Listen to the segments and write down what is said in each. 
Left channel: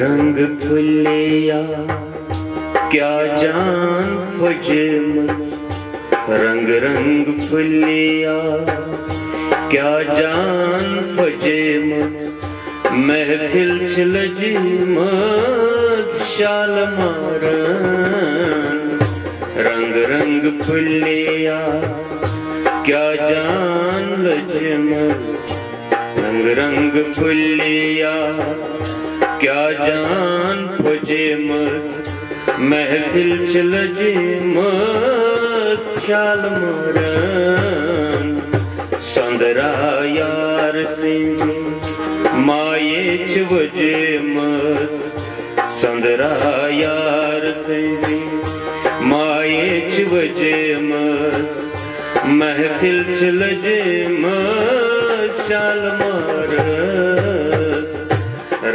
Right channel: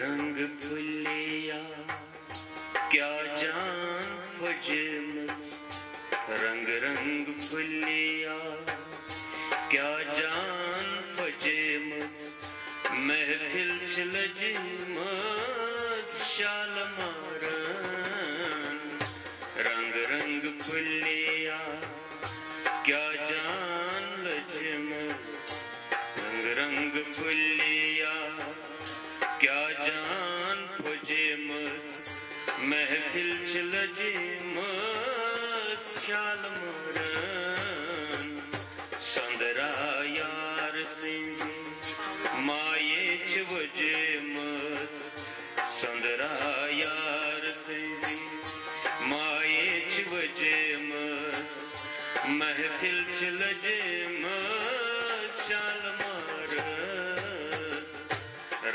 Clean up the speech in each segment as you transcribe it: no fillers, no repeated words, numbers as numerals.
रंग फुलिया क्या जान फुजमस रंग रंग फुलिया क्या जान फुजमस महफिल लजमस शाल मारन रंग रंग फुलिया क्या जान लजमस रंग रंग फुलिया क्या जान फुजमस महफिल लजमस शाल मारन संदरा यार सिंह माये वजमस संदरा यार सिंह माये वजमस महफिल लजमस शाल मारस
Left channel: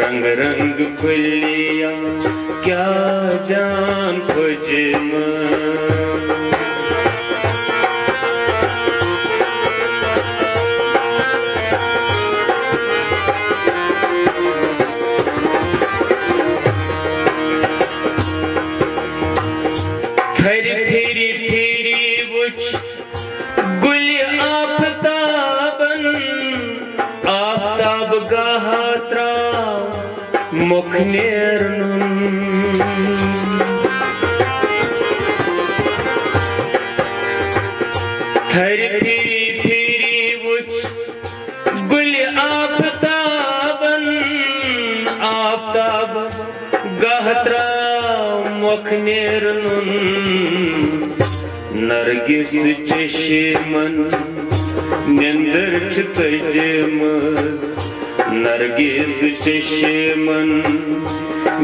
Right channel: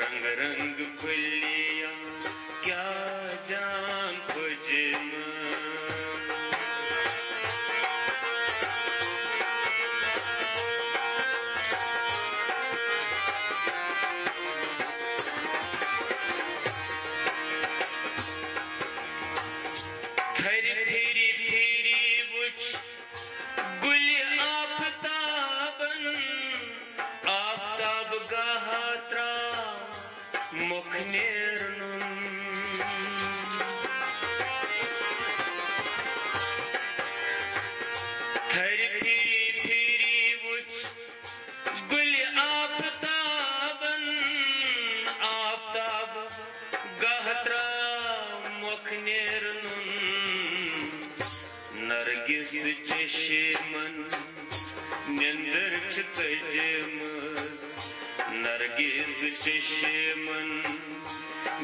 रंग रंग फुलिया क्या जान फुजमस फिरी फिरी वुच गुल आफताबन आफताब गाहत्रा मुख नेरनुन फिरी फिरी वुच गुल आफताबन आफताब गाहत्रा मुख नेरनुन नरगिस चशमन निंदर तजमस नरगिस चशमन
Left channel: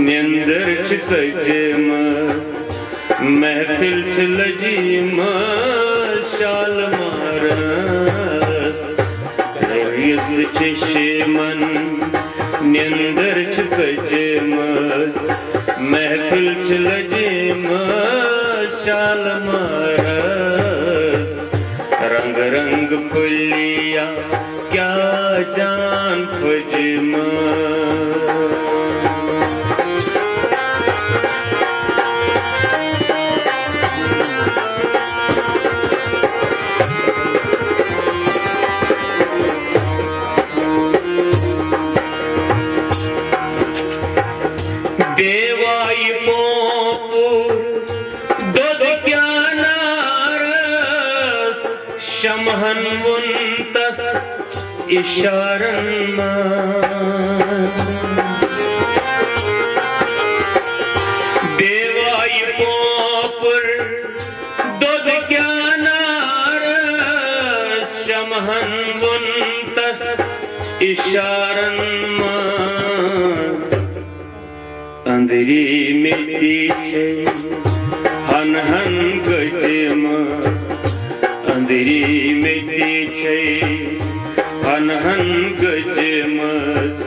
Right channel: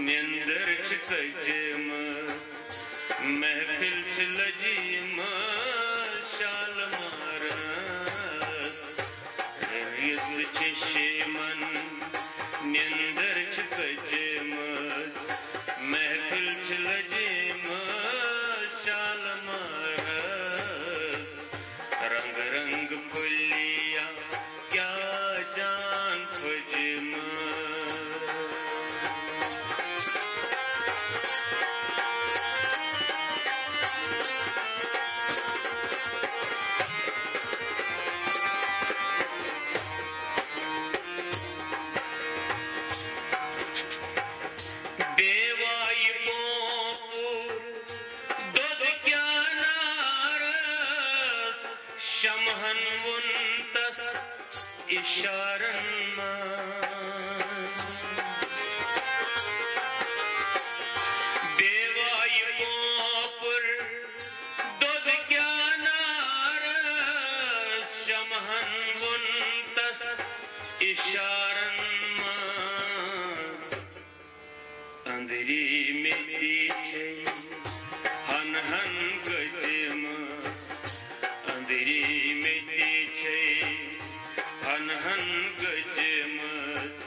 निंदर तजमस महफिल लजमस शाल मारस नरगिस चशमन निंदर तजमस महफिल लजमस शाल मारस रंग रंग फुलिया क्या जान फुजमस बेवाई शमहन मुंतस इशारन बेवाई पोपुर दूध क्या नारस शमहन मुंतस इशारन अंधरी मिट्टी छे हन हन गजमस अंधरी मिट्टी छे हन हन गजमस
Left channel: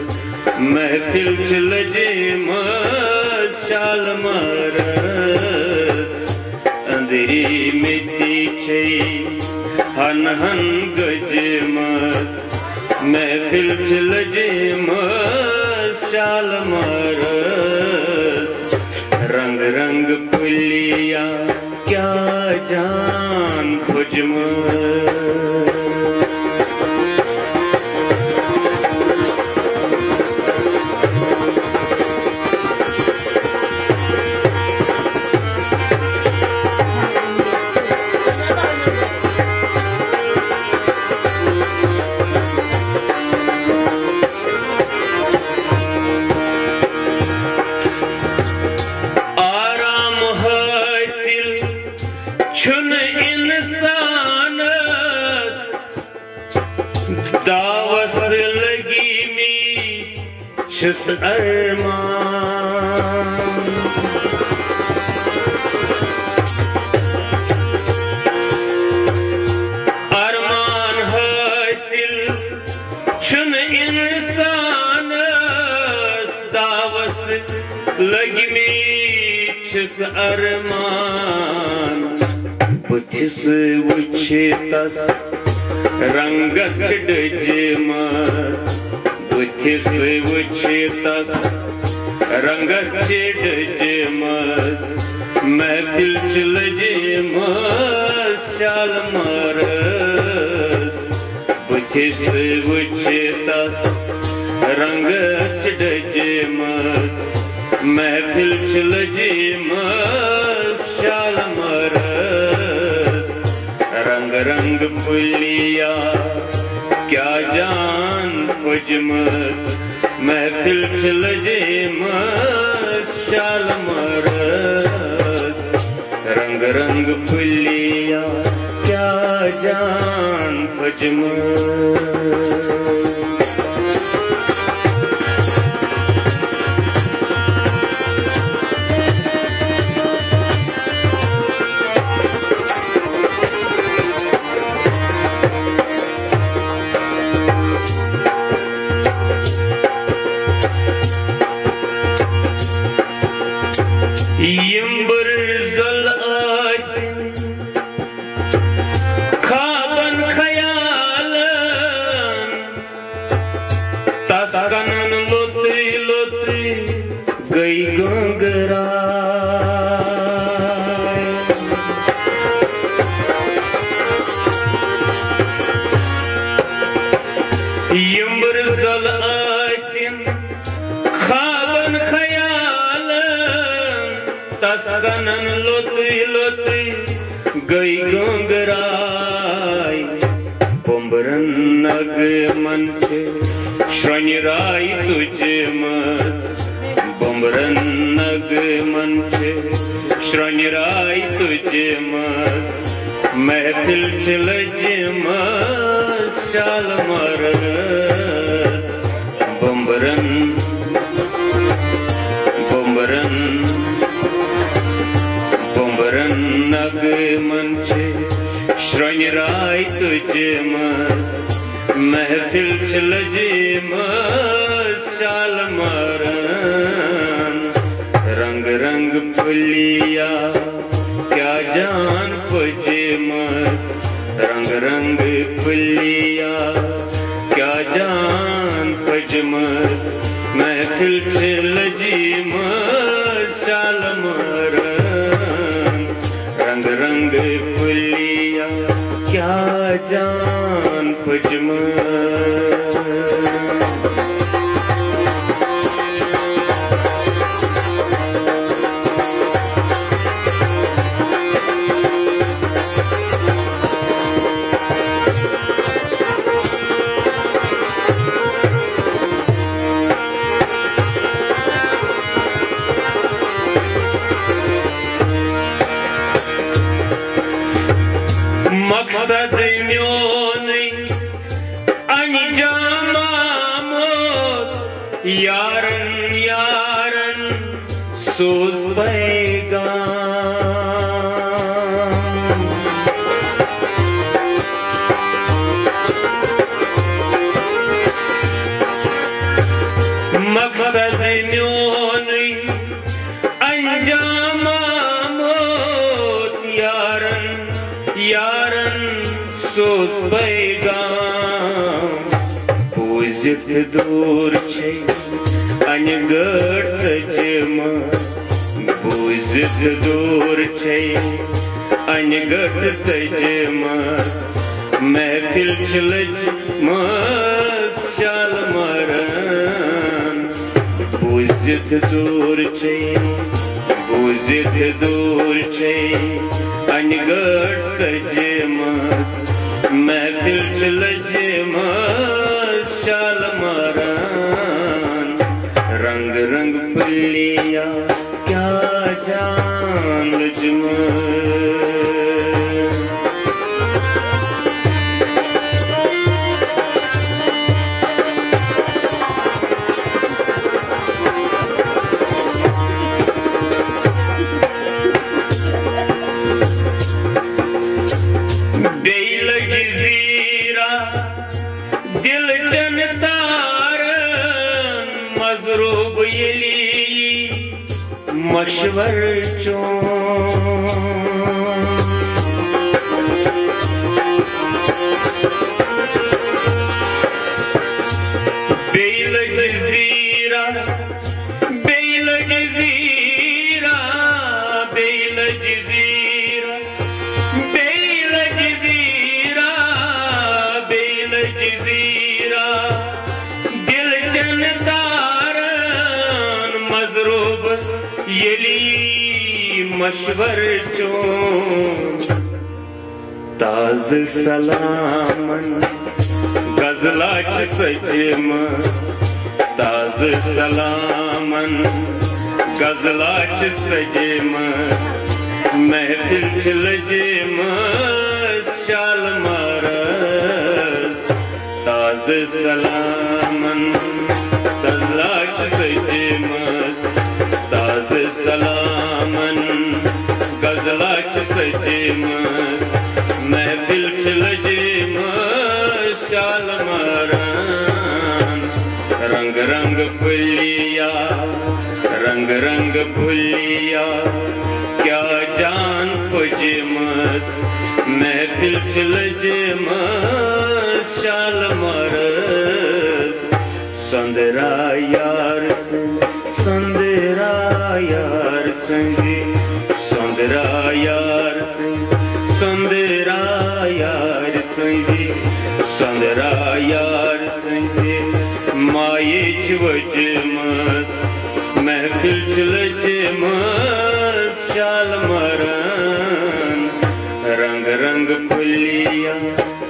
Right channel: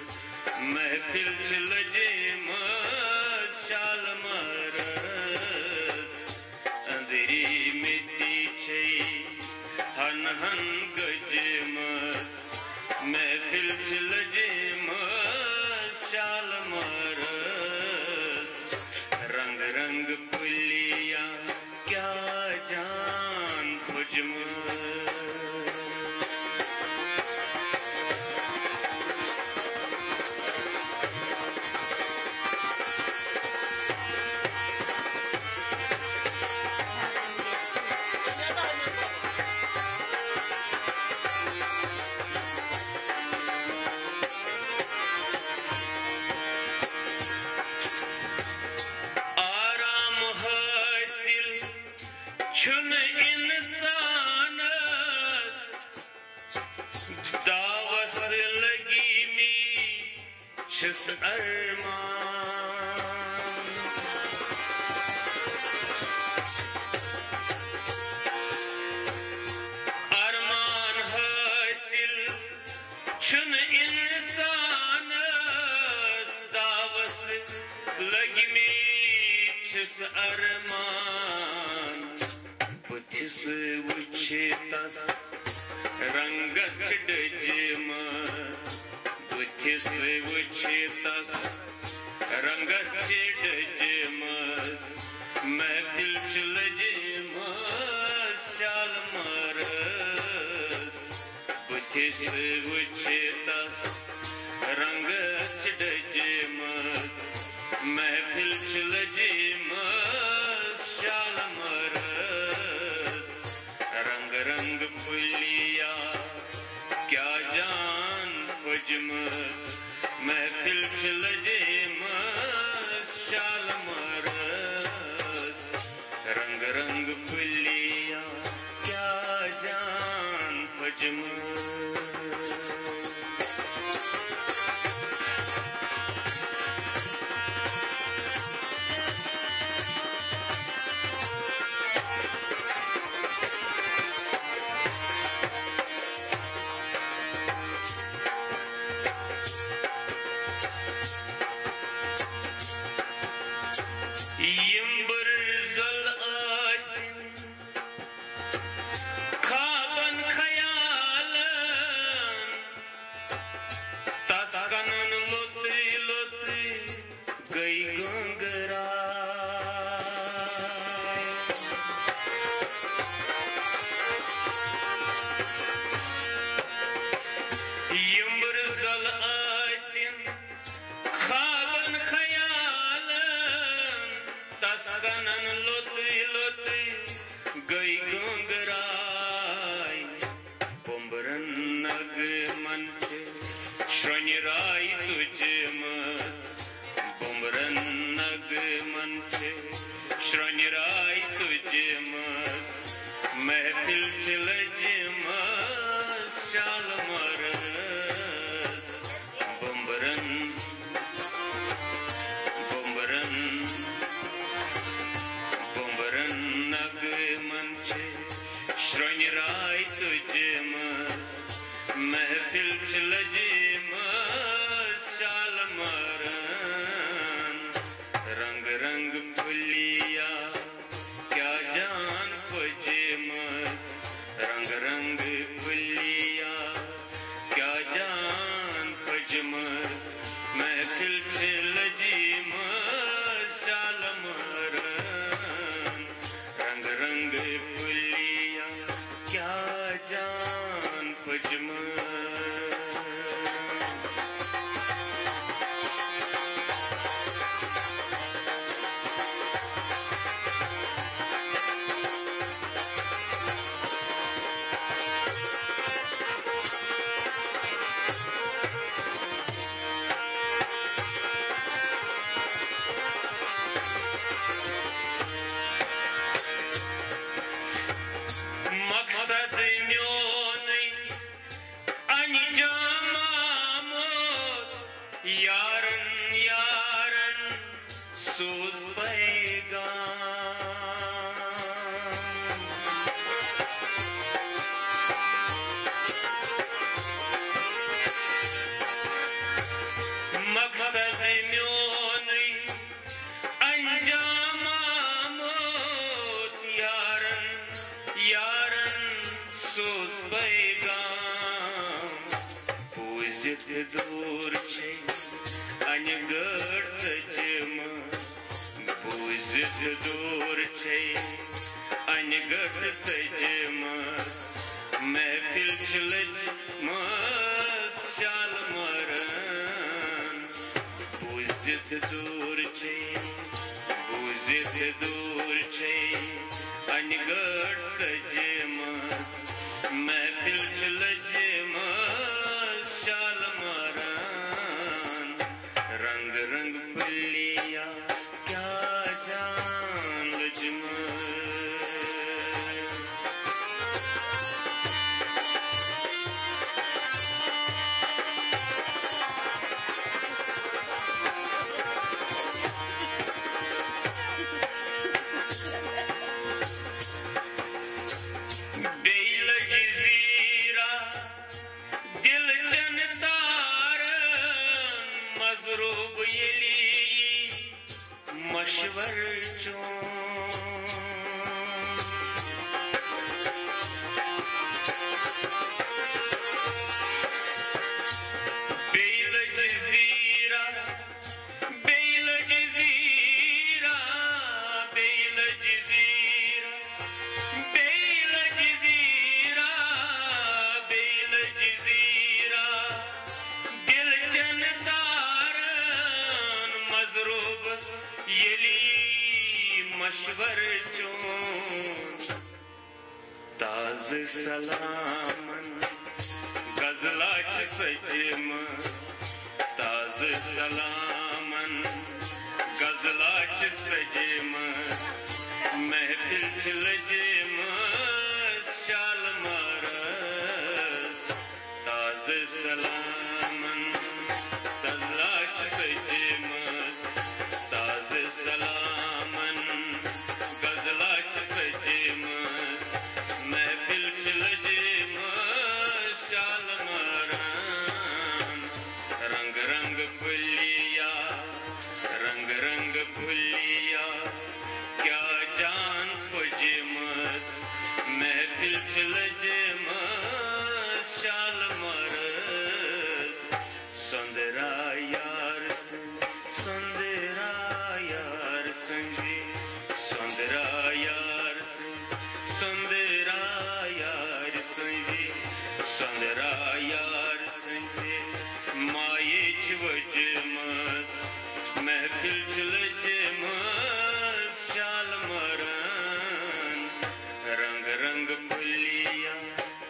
महफिल लजमस शाल मारस अंधरी मिट्टी छे हन हन गजमस महफिल लजमस शाल मारस रंग रंग फुलिया क्या जान फुजमस छुन इंसानस दावस लगी मी छुस अरमान अरमान हासिल छुन इंसानस दावस लगी मी छुस अरमान बुथिस वुछितस रंगस डजमस बुथिस वुचितस रंगत डजमस महफिल लजमस शालमारस बुथिस वुचितस रंगत डजमस महफिल लजमस शालमारस रंग रंग फुलिया क्या जान फजमस महफिल लजमस शालमारस रंग रंग फुलिया क्या जान फजमस तस्कनन लोती लोती गई गंगराय पोम्बरन नग मन श्रृंगराय तुझे मत पोम्बरन नग मन श्रृंगराय तुझे मत महफिल लजमस शालमारस पोम्बरन नग मंचे श्रृंगराय तुझमस महफिल लजमस शालमारन रंग रंग फुलिया क्या जान फजमस रंग रंग फुलिया क्या जान फजमस महफिल लजमस शालमारन रंग रंग फुलिया क्या जान फजमस मकसद म्योनी अंजामा मोत यारन यारन सोज पैगाम मकसद म्योनी अंजामा मोत यारन यारन सोज पैगाम पूजित दूर छे अनगढ़ सजमस पूजित दूर छे अनगढ़ सजमस महफिल लजमस शालमारन पूजित दूर छे अनगढ़ सजमस महफिल लजमस शालमारन रंग रंग फुलिया क्या जान लजमस दिल जनतारन मजरूब यली मशवर चों बेल ज़ीरा दिल चन तारन मजरूब येली मशवर चोन ताज सलामन गजलाच सजमत ताज सलामन गजलाच सजमत महफिल लजमत शाल मारस ताज सलामन गजलाच सजमत ताज सलामन गजलाच सजमत महफिल लजमत शाल मारन रंग रंग फुलिया रंग रंग फुलिया क्या जान फजमत महफिल लजमत शाल मारस संदरा यार संदरा यार संजी संदरा यार संदरा यार संजी संदरा यार संजी माये वजमत महफिल लजमत शाल मरन रंग रंग फुलिया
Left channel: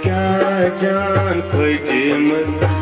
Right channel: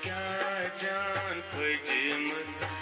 क्या जान फजमत